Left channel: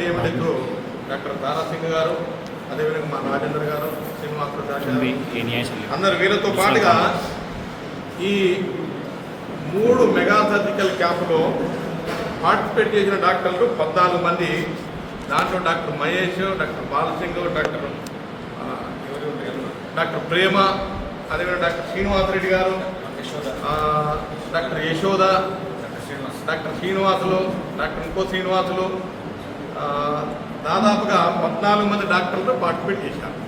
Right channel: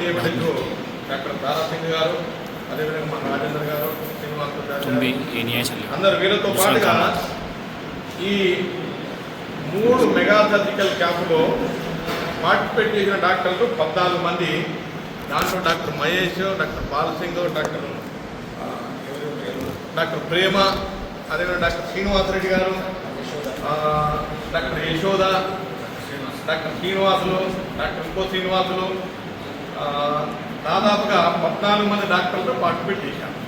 DMH doctor Tara Singh గారు అదేవిధంగా మా రాజేంద్ర గారు శ్రీనివాస్ ప్రసాద్ తుంబి గారు, ఈ న్యాయశాలి అందరు వీళ్ళతో పాటుగా ఈ మూడు మెగా సర్జికల్ క్యాంపులో పార్టిసిపేట్ చేసిన డాక్టర్లు పద్నాలుగు మంది. దాంట్లో doctor Mahesh doctor Balasingh doctor? Doctor Prema అదేవిధంగా డాక్టర్ శ్రీనివాసరెడ్డి గారు doctor Yashoda doctor Srinivasulu doctor ఇంకో శ్రీనివాసులు దాదాపుగా పద్నాలుగు మంది డాక్టర్లతో పార్టిసిపేట్ చేశారు.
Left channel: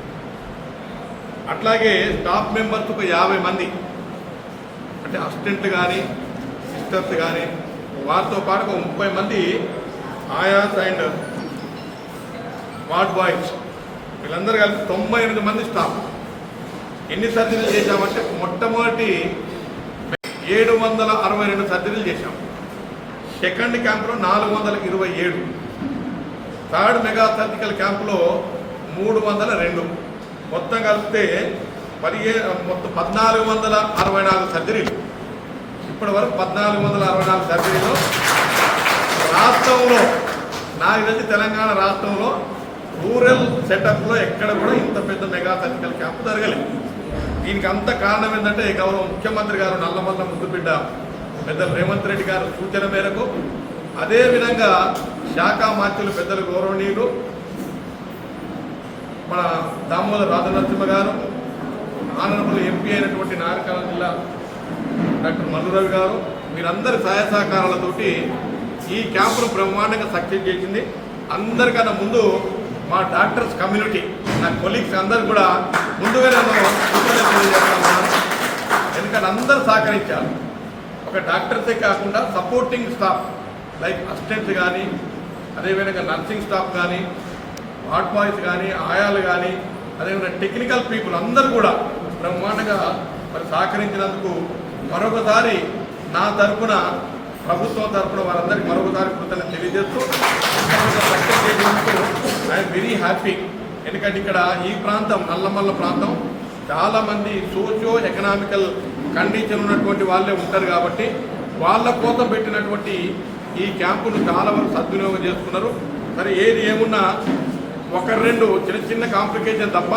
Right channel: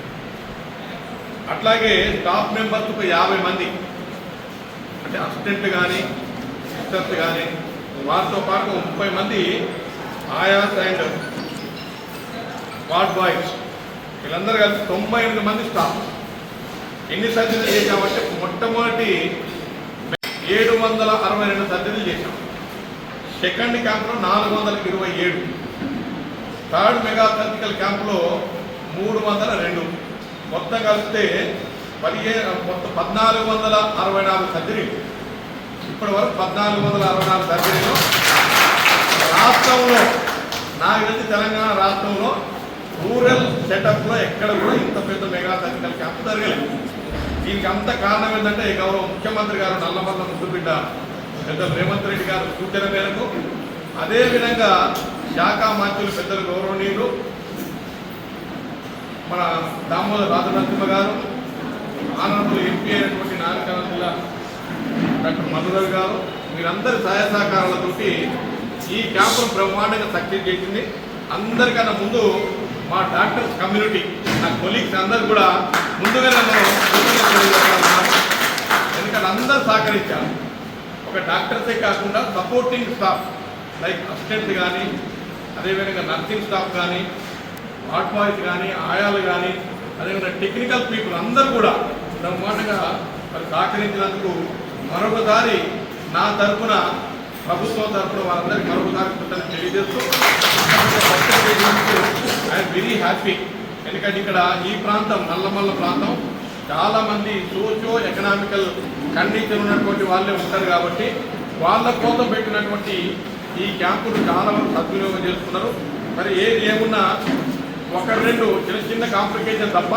అట్లాగే స్టాఫ్ మెంబర్స్ ఒక యాభై మంది. అంటే అసిస్టెంట్ కానీ సిస్టర్స్ కానీ వారితో పాటు ఒక ముప్పై మంది ఆయాస్ అండ్ వార్డ్ బాయ్స్. వీళ్ళందరూ కలిసి తొంభై ఎనిమిది మంది స్టాఫ్. ఎన్ని సర్జరీలు చేశామంటే మొట్టమొదటి ఏడు వందల అరవై రెండు సర్జరీలు చేశాం. సెకండ్ క్యాంప్లో నాలుగు వందల ఇరవై ఏడు. థర్డ్ మెగా సర్జికల్ క్యాంప్లో మూడు వందల రెండు. మొత్తం కలిపితే పదిహే మొత్తం పద్నాలుగు వందల అరవై నాలుగు సర్జరీలు. ఇప్పటి వరకు పద్నాలుగు వందల అరవై నాలుగు సర్జరీలు. రాష్ట్రంలో నాకు తెలిసి తెలంగాణ రాష్ట్రంలో రూరల్ సెటప్లో ఎక్కడ కూడా ఇంత పెద్ద మెగా సర్జికల్ క్యాంప్ జరగలేదు. దీనికి అంత కారణం ఏంటంటే గౌరవ ముఖ్యమంత్రి గారు నల్లమల్ల ముద్దుబిడ్డ పెద్ద రేవంత్ రెడ్డి గారు సూచన మేరకు అదేవిధంగా శాఖ మంత్రులు పెద్దలు గౌరవనీయులు మన దామోదర్ రాజనరసింహ గారు ఆనరబుల్ ఎంపీ అయినటువంటి నాగరికల్ జిల్లా డాక్టర్ మధురవి గారు మీరందరి సహాయ సహకారాలతోటి ఈ క్యాంపును బ్రహ్మాండంగా సక్సెస్ చేసింది. అందరికన్నా ముందు మా డాక్టర్స్ కమ్యూనిటీ నా కొలీగ్స్ అందరు కూడా ముందుగానే మనం ఎందుకంటే అందరూ సహకరించారు. ఒక డాక్టర్సే కాకుండా సపోర్టింగ్ స్టాఫ్ లైక్ అసిస్టెంట్స్ కానీ అదేవిధంగా నర్సింగ్ స్టాఫ్ కానీ వార్డ్ బాయ్స్ కానీ ఆయాలు కానీ అదేవిధంగా టెక్నికల్ పీపుల్ అందరూ కూడా బ్రహ్మాండంగా మరి సహకరించినందుకు మరొకసారి నా తరపున ప్రభుత్వం తరపున వారందరికీ మరొకసారి కృతజ్ఞత తెలియజేస్తూ ఐఎమ్ వెరీ హ్యాపీ ఎందుకంటే ఇక్కడ ఈ ప్రాంతం నల్లమల్ల ప్రాంతం. చాలామంది సోషియో ఎకనామికల్ కండిషన్ ఉన్నటువంటి వాళ్ళే ఉంటారు కాబట్టి వాళ్ళ కోసం పెట్టినటువంటి ఈ క్యాంపును చాలా వరకు సద్వినియోగం చేస్తున్నారు మరి ఏది ఏమున్నా ఒక రెండు చిన్న చిన్న కాంప్లికేషన్ తప్ప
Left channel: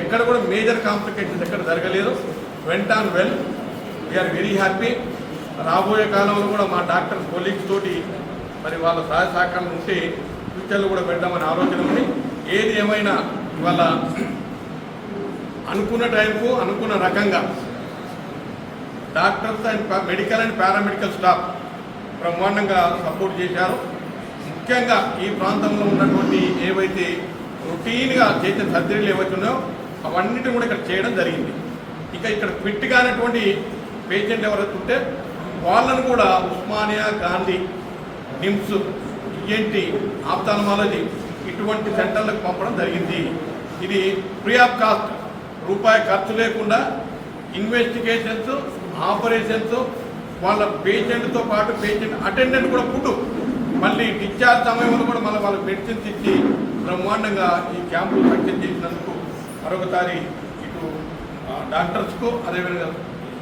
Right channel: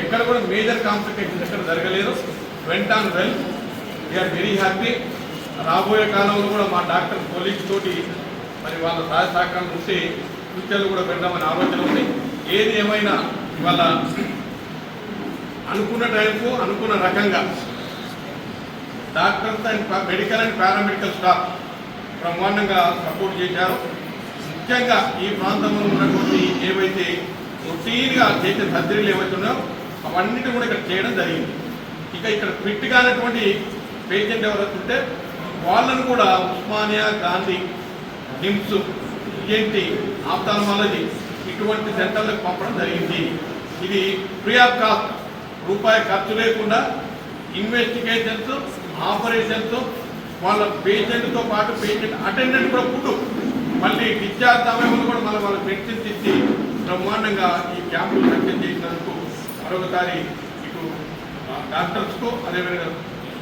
ఎక్కడ కూడా మేజర్ కాంప్లికేషన్స్ ఎక్కడ జరగలేదు. Went on well we are very happy రాబోయే కాలంలో కూడా మా డాక్టర్ కొలీగ్స్ తోటి మరి వాళ్ళ సహాయ సహకారం ఉంటే ఫ్యూచర్లో కూడా పెడదామని ఆలోచన ఉంది. ఏది ఏమైనా ఇవాళ అనుకున్న టైంకు అనుకున్న రకంగా doctors and medical and paramedical staff బ్రహ్మాండంగా సపోర్ట్ చేశారు. ముఖ్యంగా ఈ ప్రాంతంలో ఉన్నటువంటి ఏవైతే రొటీన్గా చేసే సర్జరీలు ఏవైతున్నాయో అవన్నిటి కూడా ఇక్కడ చేయడం జరిగింది. ఇక ఇక్కడ ఫిట్ కానటువంటి పేషెంట్ ఎవరైతే ఉంటే వాళ్ళను కూడా ఉస్మానియా గాంధీ నిమ్స్ ఈఎన్టీ ఆప్తాల్మాలజీ ఇటువంటి సెంటర్లకు పంపడం జరిగింది. ఇది ఫ్రీ ఆఫ్ కాస్ట్ రూపాయి ఖర్చు లేకుండా ఇన్వెస్టిగేషన్స్ ఆపరేషన్స్ వాళ్ళ పేషెంట్తో పాటు పేషెంట్ అటెండెంట్ కూడా ఫుడ్ మళ్ళీ డిశ్చార్జ్ సమయంలో కూడా మళ్ళీ వాళ్ళకి మెడిసిన్స్ ఇచ్చి బ్రహ్మాండంగా ఈ క్యాంపులు సక్సెస్ చేసినందుకు మరొకసారి ఇటు డాక్టర్స్కు అదేవిధంగా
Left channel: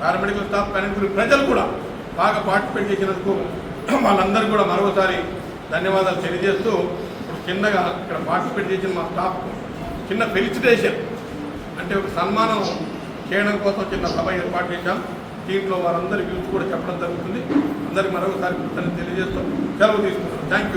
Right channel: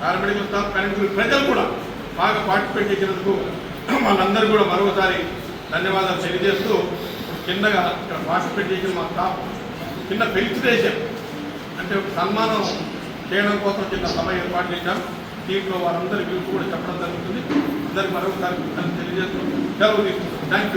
పారామెడికల్ స్టాఫ్ కానీ ప్రజలు కూడా బాగా పార్టిసిపేట్ చేసినందుకు వాళ్ళందరూ కూడా మరొకసారి ధన్యవాదాలు తెలియజేస్తూ ఇప్పుడు చిన్నగా ఇక్కడ పార్టిసిపేట్ చేసిన మా స్టాఫ్ చిన్న ఫెలిసిటేషన్ అంటే సన్మానం చేయడం కోసం చిన్న సభ ఏర్పాటు చేశాం. దీంట్లో వారందరి గురించి కూడా చెప్పడం జరుగుతుంది. అందరికి మరొకసారి తెలియజేస్తాం తెలియజేస్తూ సెలవు తీసుకుంటాం థ్యాంక్ యూ